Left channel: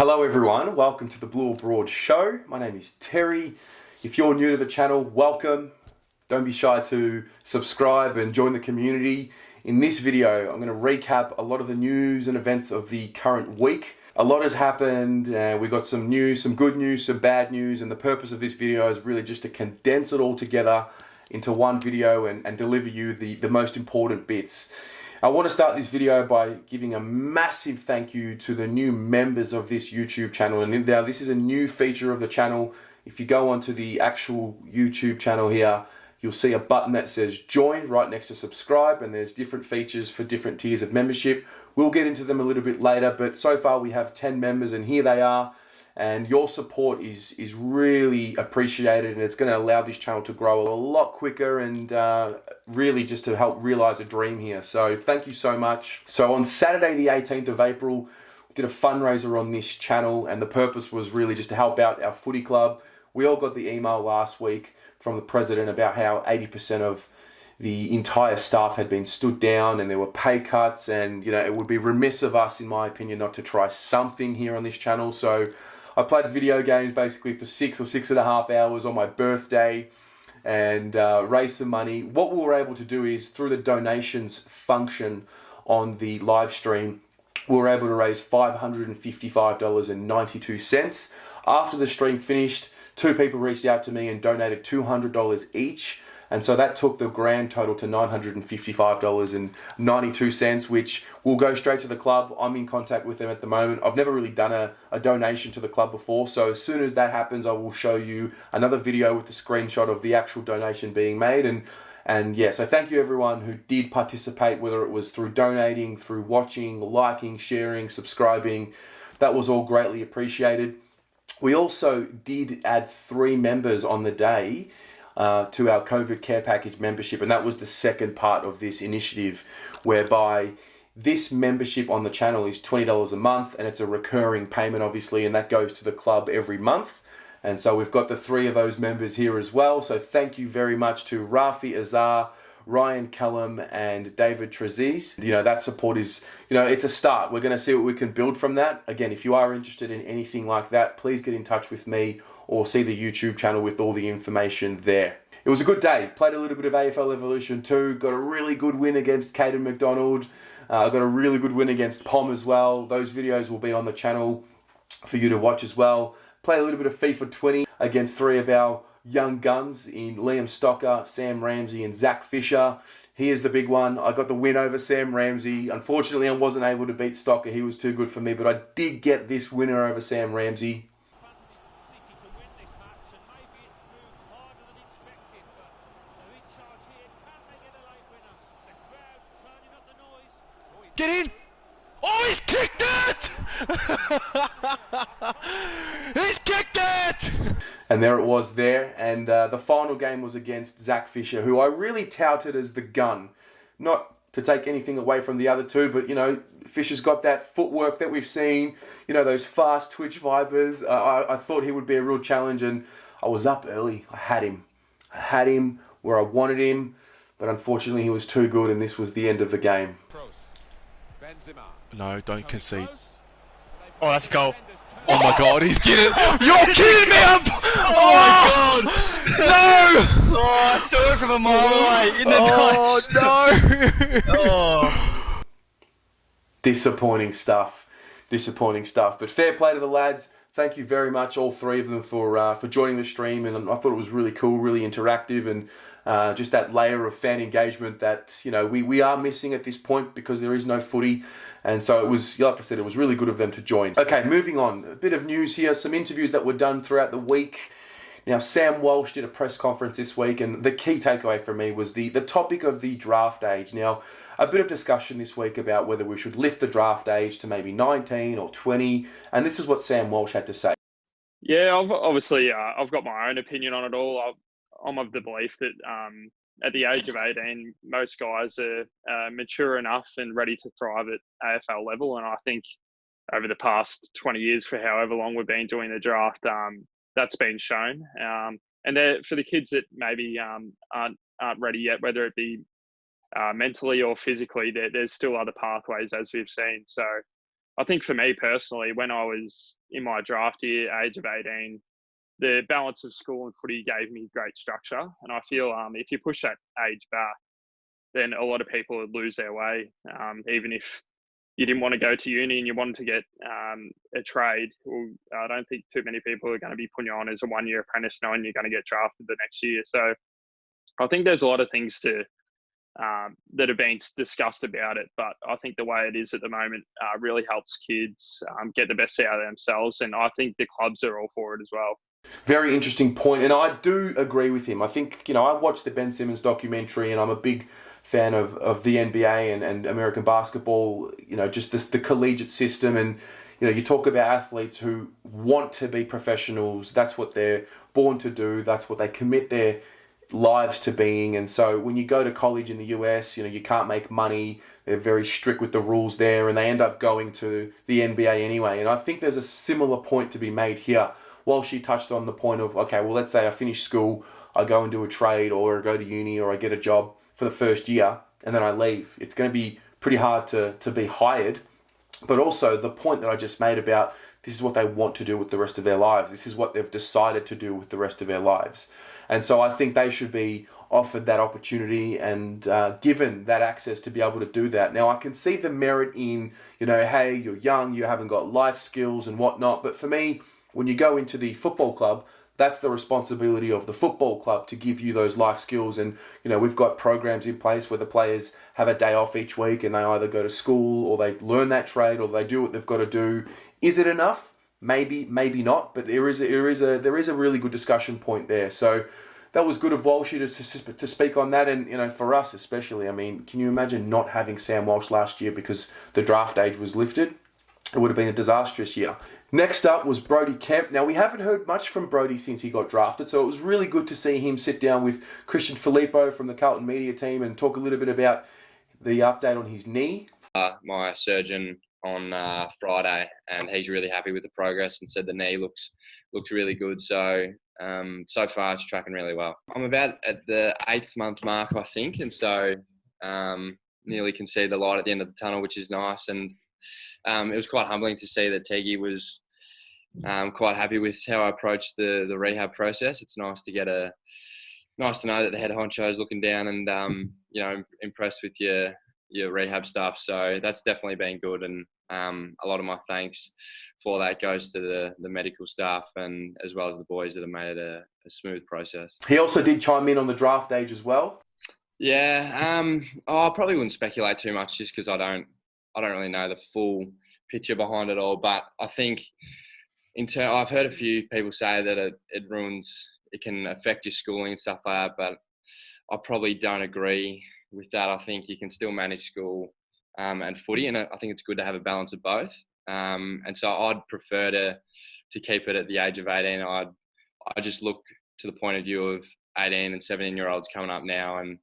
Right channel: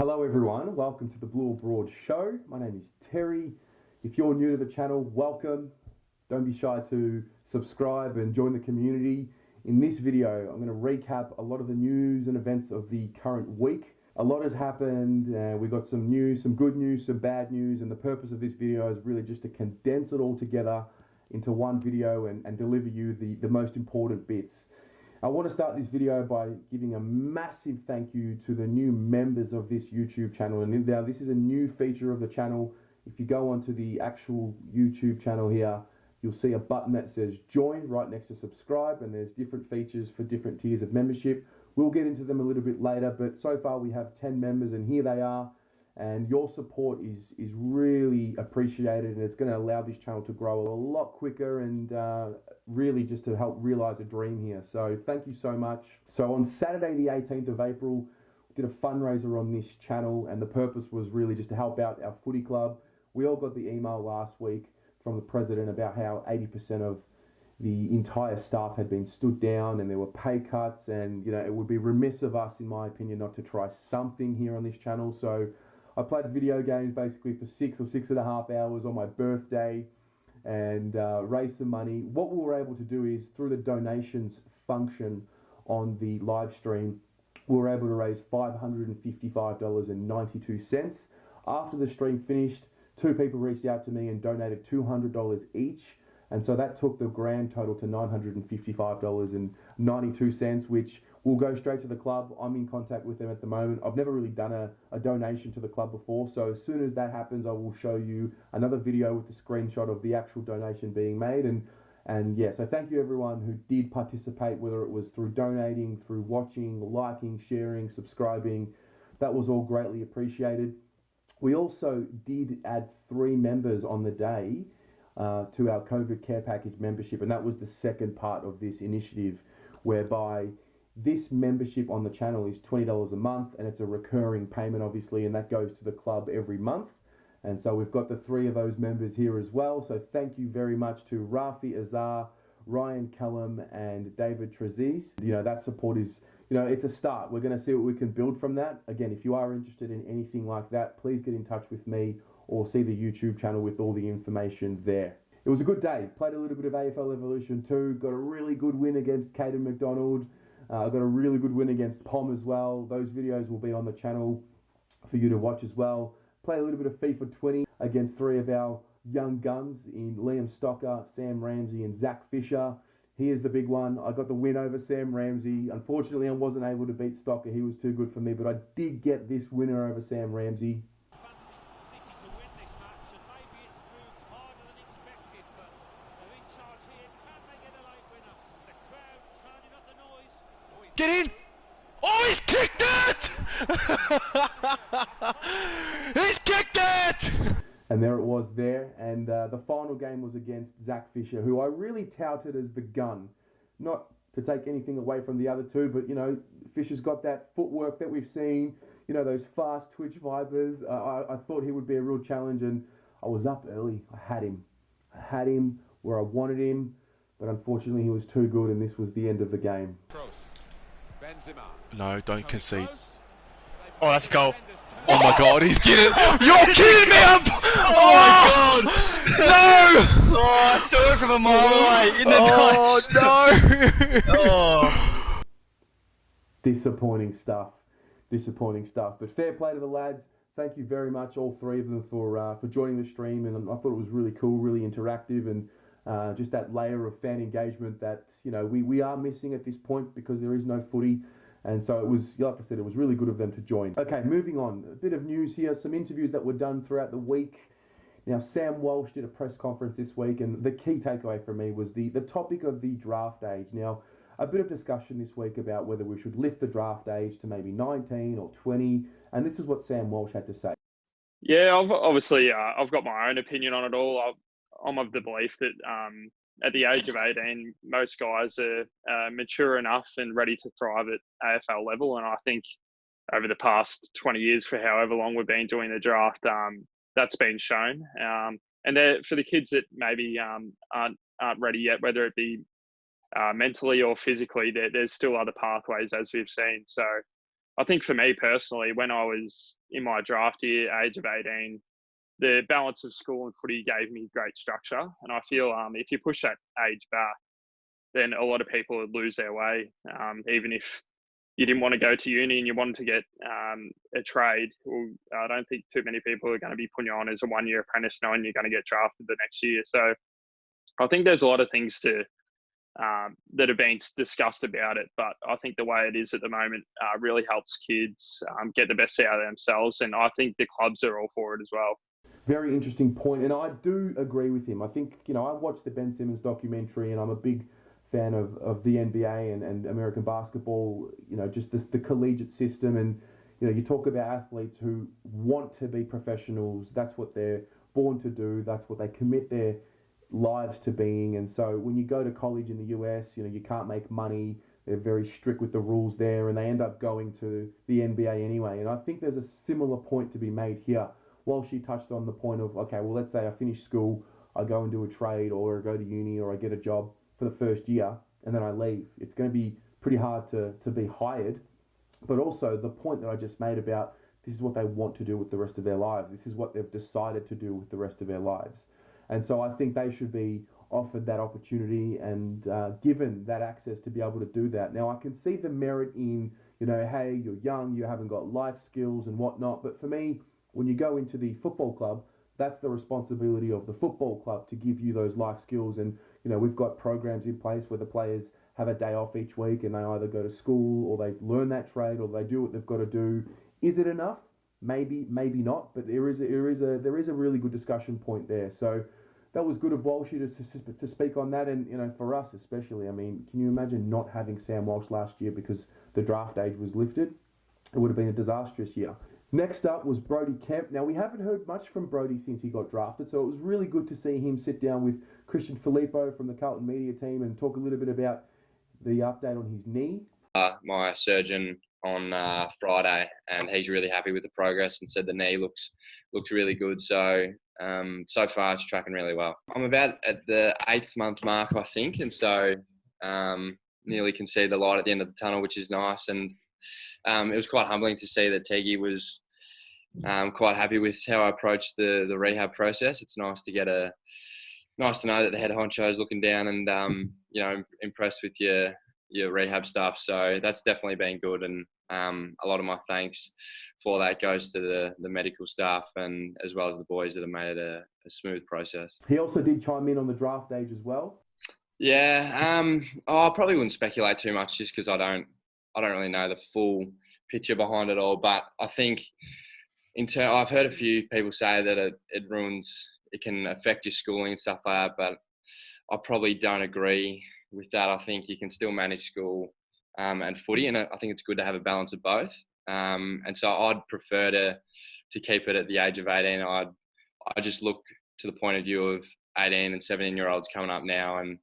Hello everyone, welcome to the Blue or Broad show. My name is Terry. If you're new to the channel, welcome. Don't be shy to subscribe and join the community. In this video, I'm going to recap a lot of the news and events of the current week. A lot has happened, and we got some news, some good news, some bad news, and the purpose of this video is really just to condense it all together into one video and deliver you the most important bits. I want to start this video by giving a massive thank you to the new members of this YouTube channel. And now this is a new feature of the channel. If you go onto the actual YouTube channel here, you'll see a button that says join right next to subscribe, and there's different features for different tiers of membership. We'll get into them a little bit later, but so far we have 10 members and here they are. And your support is really appreciated, and it's going to allow this channel to grow a lot quicker and really just to help realize a dream here. So thank you so much. So on Saturday the 18th of April, we did a fundraiser on this channel, and the purpose was really just to help out our footy club. We all got the email last week from the president about how 80% of the entire staff had been stood down and there were pay cuts, and you know, it would be remiss of us, in my opinion, not to try something here on this channel. So I played video games basically for 6 or 6.5 hours on my birthday and raised some money. What we were able to do is, through the donations function on the live stream, we were able to raise $555.92. After the stream finished, 2 people reached out to me and donated $200 each. And so that took the grand total to $955.92, which will go straight to the club. I'm in contact with them at the moment. I've never really done a donation to the club before. So as soon as that happens, I will show you another video with a screenshot of the actual donation being made. And yeah, so thank you everyone who did participate, whether it was through donating, through watching, liking, sharing, subscribing. That was all greatly appreciated. We also did add 3 members on the day to our COVID care package membership, and that was the second part of this initiative, whereby this membership on the channel is $20 a month, and it's a recurring payment obviously, and that goes to the club every month. And so we've got the 3 of those members here as well. So thank you very much to Rafi Azar, Ryan Callum and David Trezise. You know, that support is, you know, it's a start. We're going to see what we can build from that. Again, if you are interested in anything like that, please get in touch with me or see the YouTube channel with all the information there. It was a good day. Played a little bit of AFL Evolution 2. Got a really good win against Caden McDonald. Got a really good win against Pom as well. Those videos will be on the channel for you to watch as well. Played a little bit of FIFA 20 against 3 of our young guns in Liam Stocker, Sam Ramsey and Zach Fisher. He is the big one. I got the win over Sam Ramsey. Unfortunately, I wasn't able to beat Stocker. He was too good for me, but I did get this winner over Sam Ramsey. Get in! Oh, he's kicked it! He's kicked it! And there it was there. And the final game was against Zach Fisher, who I really touted as the gun. Not to take anything away from the other 2, but, you know, Fisher's got that footwork that we've seen, you know, those fast twitch vipers. I thought he would be a real challenge, and I was up early. I had him where I wanted him, but unfortunately he was too good, and this was the end of the game. No, don't concede. Oh, that's a goal. Oh my god, he's getting it. You're kidding me! Oh my god! No! Oh, I saw it from a mile away in the notch. No! Oh. Disappointing stuff. But fair play to the lads. Thank you very much, all 3 of them, for joining the stream. And I thought it was really cool, really interactive, and just that layer of fan engagement that, you know, we are missing at this point because there is no footy. And so it was, like I said, it was really good of them to join. Okay, moving on. A bit of news here. Some interviews that were done throughout the week. Now, Sam Walsh did a press conference this week, and the key takeaway for me was the topic of the draft age. Now, a bit of discussion this week about whether we should lift the draft age to maybe 19 or 20. And this is what Sam Walsh had to say. Yeah, I've got my own opinion on it all. I'm of the belief that at the age of 18, most guys are mature enough and ready to thrive at AFL level. And I think over the past 20 years, for however long we've been doing the draft, that's been shown. And for the kids that maybe aren't ready yet, whether it be mentally or physically, there's still other pathways, as we've seen. So I think for me personally, when I was in my draft year, age of 18, the balance of school and footy gave me great structure. And I feel if you push that age back, then a lot of people would lose their way. Even if you didn't want to go to uni and you wanted to get a trade, well, I don't think too many people are going to be putting you on as a 1-year apprentice knowing you're going to get drafted the next year. So I think there's a lot of things that have been discussed about it, but I think the way it is at the moment really helps kids get the best out of themselves, and I think the clubs are all for it as well. Very interesting point, and I do agree with him. I think, I watched the Ben Simmons documentary, and I'm a big fan of the NBA and American basketball, just the collegiate system. And, you talk about athletes who want to be professionals. That's what they're born to do. That's what they commit their lives to being. And so when you go to college in the US, you can't make money. They're very strict with the rules there, and they end up going to the NBA anyway. And I think there's a similar point to be made here. Walsh touched on the point of, okay, well, let's say I finish school, I go and do a trade, or I go to uni, or I get a job for the first year, and then I leave. It's going to be pretty hard to be hired. But also the point that I just made about this is what they want to do with the rest of their lives. This is what they've decided to do with the rest of their lives. And so I think they should be offered that opportunity and given that access to be able to do that. Now, I can see the merit in, hey, you're young, you haven't got life skills and whatnot. But for me, when you go into the football club, that's the responsibility of the football club to give you those life skills. And, we've got programs in place where the players have a day off each week and they either go to school or they learn that trade or they do what they've got to do. Is it enough? Maybe not. But there is a really good discussion point there. So that was good of Walsh to speak on that. And, for us especially, can you imagine not having Sam Walsh last year because the draft age was lifted? It would have been a disastrous year. Next up was Brodie Kemp. Now, we haven't heard much from Brodie since he got drafted, so it was really good to see him sit down with Christian Filippo from the Carlton media team and talk a little bit about the update on his knee. My surgeon on Friday, and he's really happy with the progress and said the knee looks really good. So so far it's tracking really well. I'm about at the 8th month mark, I think, and so nearly can see the light at the end of the tunnel, which is nice. And it was quite humbling to see that Teggy was quite happy with how I approached the rehab process. It's nice to know that the head honcho is looking down and impressed with your rehab stuff. So that's definitely been good, and a lot of my thanks for that goes to the medical staff and as well as the boys that have made it a smooth process. He also did chime in on the draft age as well. Yeah, I probably wouldn't speculate too much just because I don't really know the full picture behind it all. But I think I've heard a few people say that it can affect your schooling and stuff like that, but I probably don't agree with that. I think you can still manage school and footy, and I think it's good to have a balance of both. And so I'd prefer to keep it at the age of 18. I just look to the point of view of 18 and 17-year-olds coming up now, and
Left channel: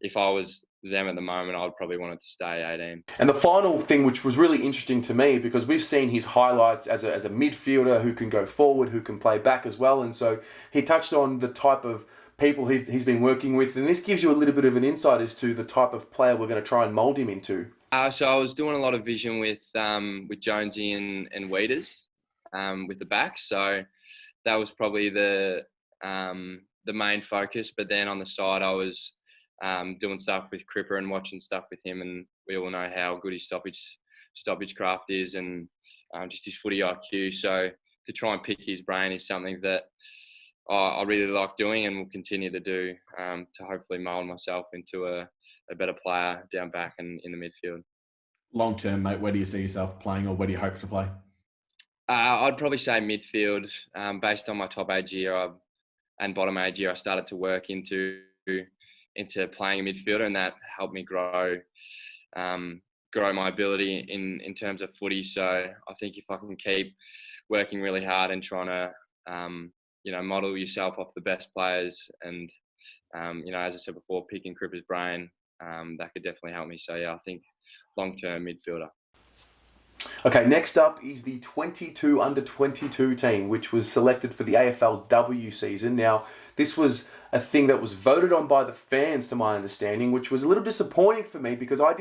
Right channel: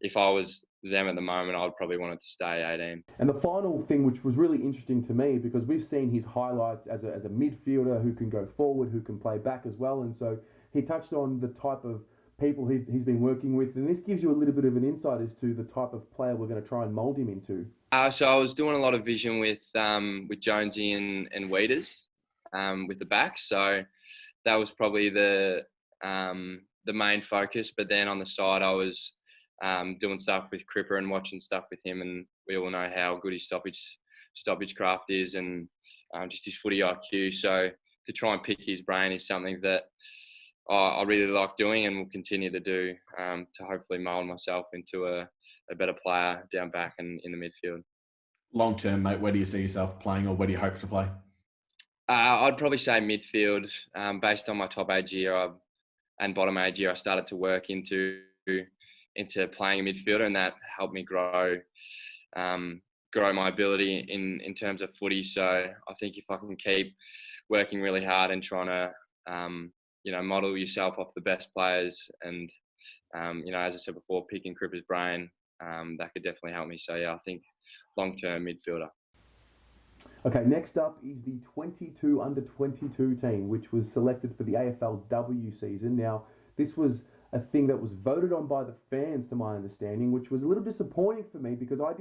if I was them at the moment, I'd probably want it to stay 18. And the final thing, which was really interesting to me, because we've seen his highlights as a midfielder who can go forward, who can play back as well, and so he touched on the type of people he's been working with, and this gives you a little bit of an insight as to the type of player we're going to try and mould him into. So I was doing a lot of vision with Jonesy and Weeders with the backs, so that was probably the main focus. But then on the side, I was doing stuff with Cripper and watching stuff with him, and we all know how good his stoppage craft is and just his footy IQ. So to try and pick his brain is something that I really like doing and will continue to do to hopefully mould myself into a better player down back and in the midfield. Long term, mate, where do you see yourself playing, or where do you hope to play? I'd probably say midfield. Based on my top age year and bottom age year, I started to work into playing a midfielder, and that helped me grow my ability in terms of footy. So I think if I can keep working really hard and trying to model yourself off the best players and as I said before, picking Cripper's brain, that could definitely help me. So yeah, I think long-term midfielder. Okay, next up is the 22 under 22 team, which was selected for the AFLW season. Now, this was a thing that was voted on by the fans, to my understanding, which was a little disappointing for me because I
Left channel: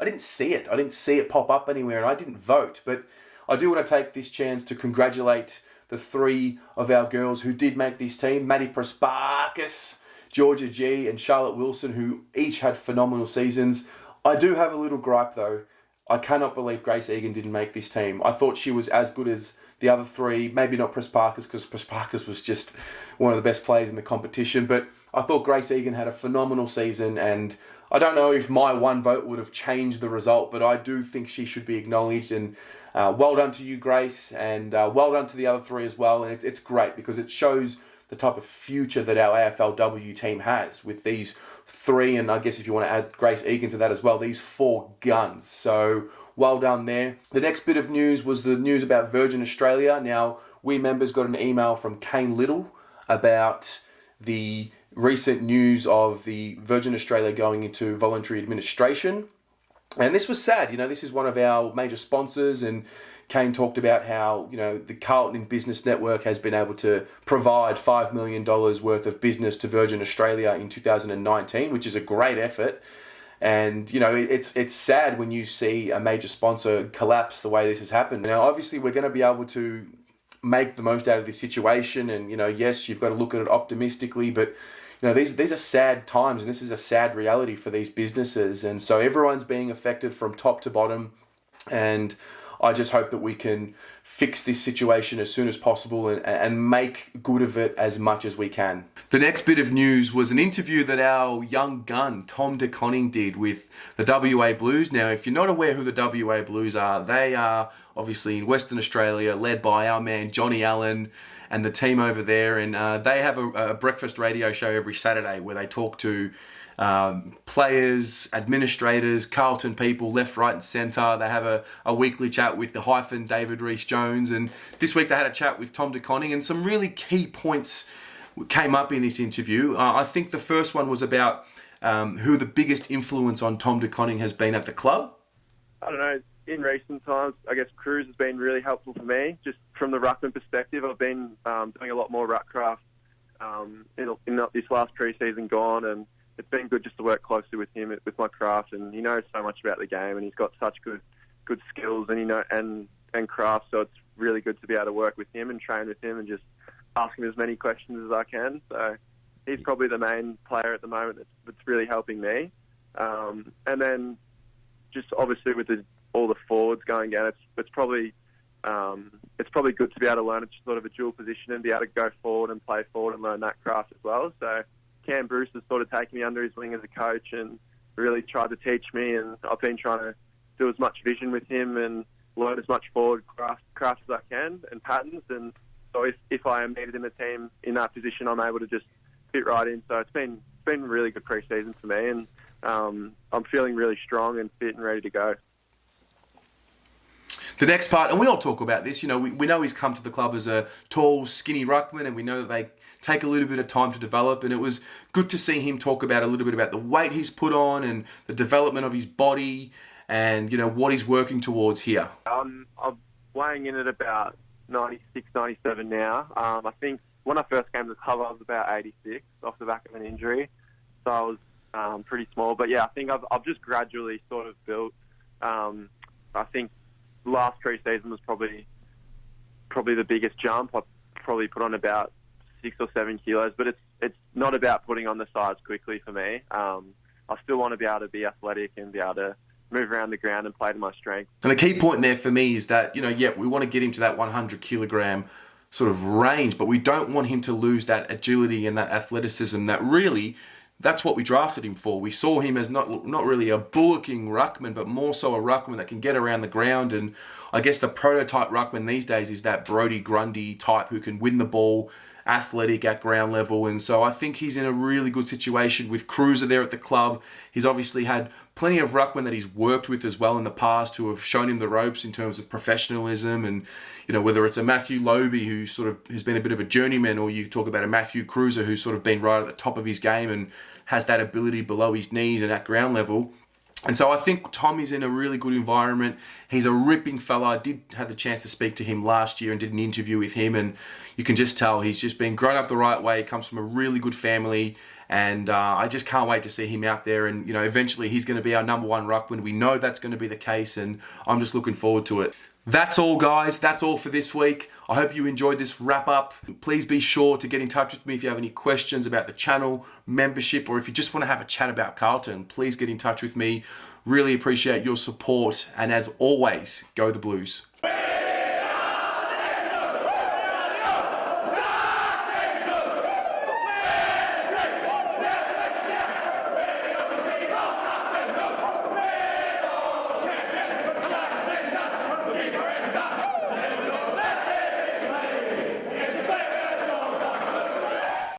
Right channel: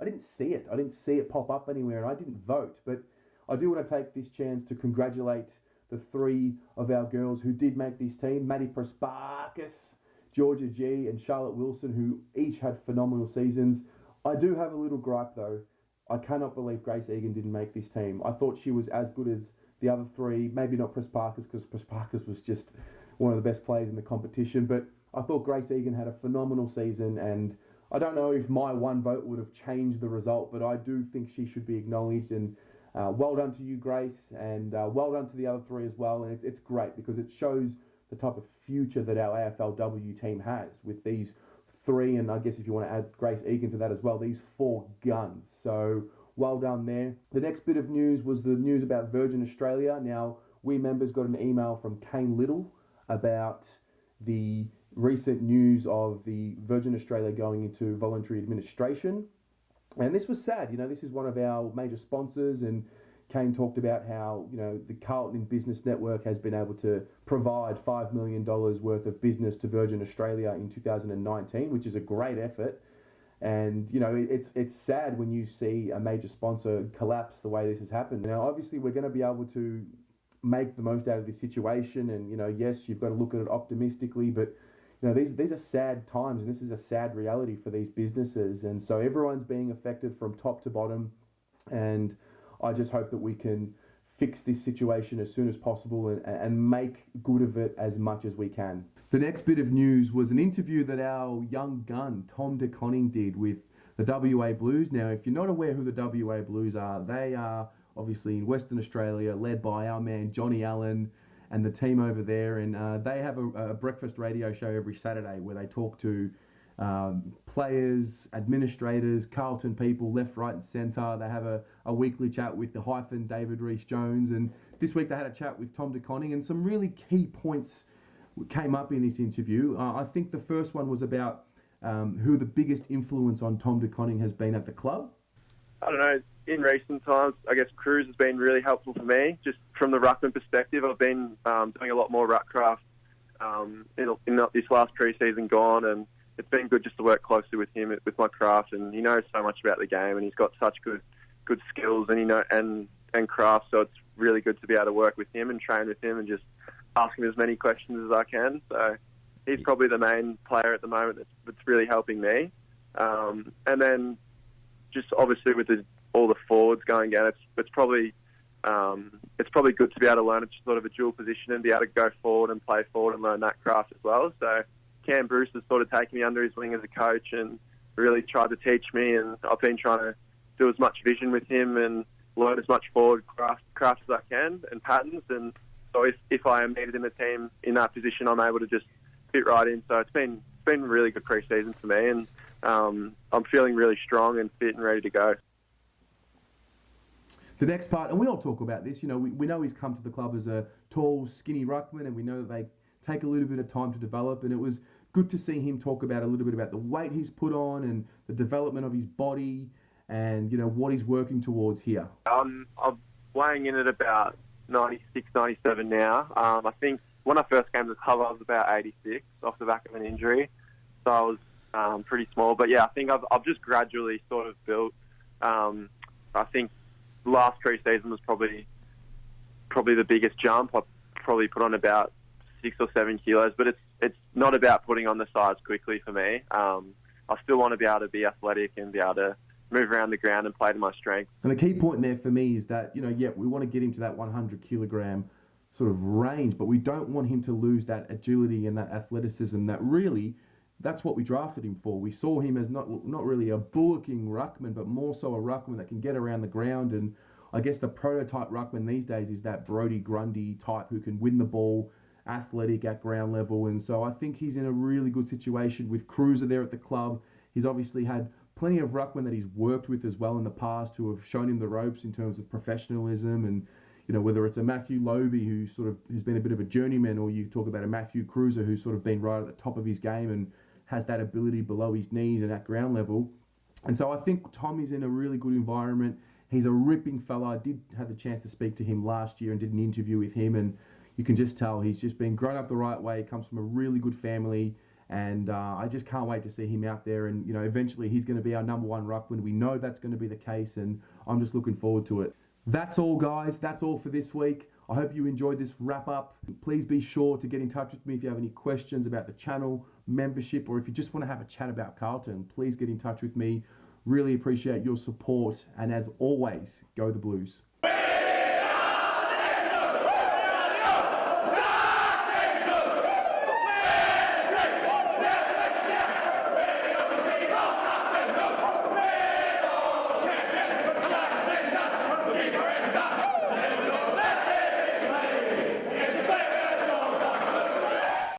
I didn't see it. I didn't see it pop up anywhere, and I didn't vote. But I do want to take this chance to congratulate the 3 of our girls who did make this team: Maddie Prasparkas, Georgia G, and Charlotte Wilson, who each had phenomenal seasons. I do have a little gripe though. I cannot believe Grace Egan didn't make this team. I thought she was as good as the other 3. Maybe not Prasparkas, because Prasparkas was just one of the best players in the competition. But I thought Grace Egan had a phenomenal season, and I don't know if my one vote would have changed the result, but I do think she should be acknowledged. And well done to you, Grace, and well done to the other 3 as well. And it's great because it shows the type of future that our AFLW team has with these 3, and I guess if you want to add Grace Egan to that as well, these 4 guns. So well done there. The next bit of news was the news about Virgin Australia. Now, we members got an email from Kane Little about the recent news of the Virgin Australia going into voluntary administration. And this was sad. This is one of our major sponsors, and Kane talked about how, the Carlton Business Network has been able to provide $5 million worth of business to Virgin Australia in 2019, which is a great effort. And, it's sad when you see a major sponsor collapse the way this has happened. Now, obviously, we're going to be able to make the most out of this situation. And, yes, you've got to look at it optimistically, but these are sad times, and this is a sad reality for these businesses. And so everyone's being affected from top to bottom. And I just hope that we can fix this situation as soon as possible and make good of it as much as we can. The next bit of news was an interview that our young gun, Tom de Koning, did with the WA Blues. Now, if you're not aware who the WA Blues are, they are obviously in Western Australia, led by our man Johnny Allen and the team over there. And they have a breakfast radio show every Saturday where they talk to players, administrators, Carlton people, left, right and centre. They have a weekly chat with the hyphen David Rees-Jones, and this week they had a chat with Tom de Koning, and some really key points came up in this interview. I think the first one was about who the biggest influence on Tom de Koning has been at the club. I don't know, in recent times, I guess Cruz has been really helpful for me. Just from the ruckman perspective, I've been doing a lot more ruck craft in this last pre-season gone, and it's been good just to work closely with him with my craft, and he knows so much about the game, and he's got such good skills and craft. So it's really good to be able to work with him and train with him and just ask him as many questions as I can. So he's probably the main player at the moment that's really helping me. And then just obviously with all the forwards going down, it's probably good to be able to learn sort of a dual position and be able to go forward and play forward and learn that craft as well. So Cam Bruce has sort of taken me under his wing as a coach and really tried to teach me, and I've been trying to do as much vision with him and learn as much forward craft as I can and patterns. And so if I am needed in the team in that position, I'm able to just fit right in. So it's been a really good pre-season for me, and I'm feeling really strong and fit and ready to go. The next part, and we all talk about this, we know he's come to the club as a tall, skinny ruckman, and we know that they take a little bit of time to develop, and it was good to see him talk about a little bit about the weight he's put on and the development of his body and, what he's working towards here. I'm weighing in at about 96, 97 now. I think when I first came to the club, I was about 86 off the back of an injury, so I was pretty small. But yeah, I think I've just gradually sort of built. I think last pre-season was probably the biggest jump. I probably put on about 6 or 7 kilos, but it's not about putting on the size quickly for me. I still want to be able to be athletic and be able to move around the ground and play to my strengths. And the key point there for me is that, we want to get him to that 100 kilogram sort of range, but we don't want him to lose that agility and that athleticism that really, that's what we drafted him for. We saw him as not really a bullocking ruckman, but more so a ruckman that can get around the ground. And I guess the prototype ruckman these days is that Brodie Grundy type who can win the ball, athletic at ground level. And so I think he's in a really good situation with Cruiser there at the club. He's obviously had plenty of ruckmen that he's worked with as well in the past who have shown him the ropes in terms of professionalism. And, whether it's a Matthew Lobe who sort of has been a bit of a journeyman, or you talk about a Matthew Cruiser who's sort of been right at the top of his game and has that ability below his knees and at ground level. And so I think Tom is in a really good environment. He's a ripping fella. I did have the chance to speak to him last year and did an interview with him, and you can just tell he's just been grown up the right way. He comes from a really good family, And I just can't wait to see him out there. And, you know, eventually he's going to be our number one ruckman. We know that's going to be the case, and I'm just looking forward to it. That's all, guys. That's all for this week. I hope you enjoyed this wrap-up. Please be sure to get in touch with me if you have any questions about the channel, membership, or if you just want to have a chat about Carlton. Please get in touch with me. Really appreciate your support. And as always, go the Blues.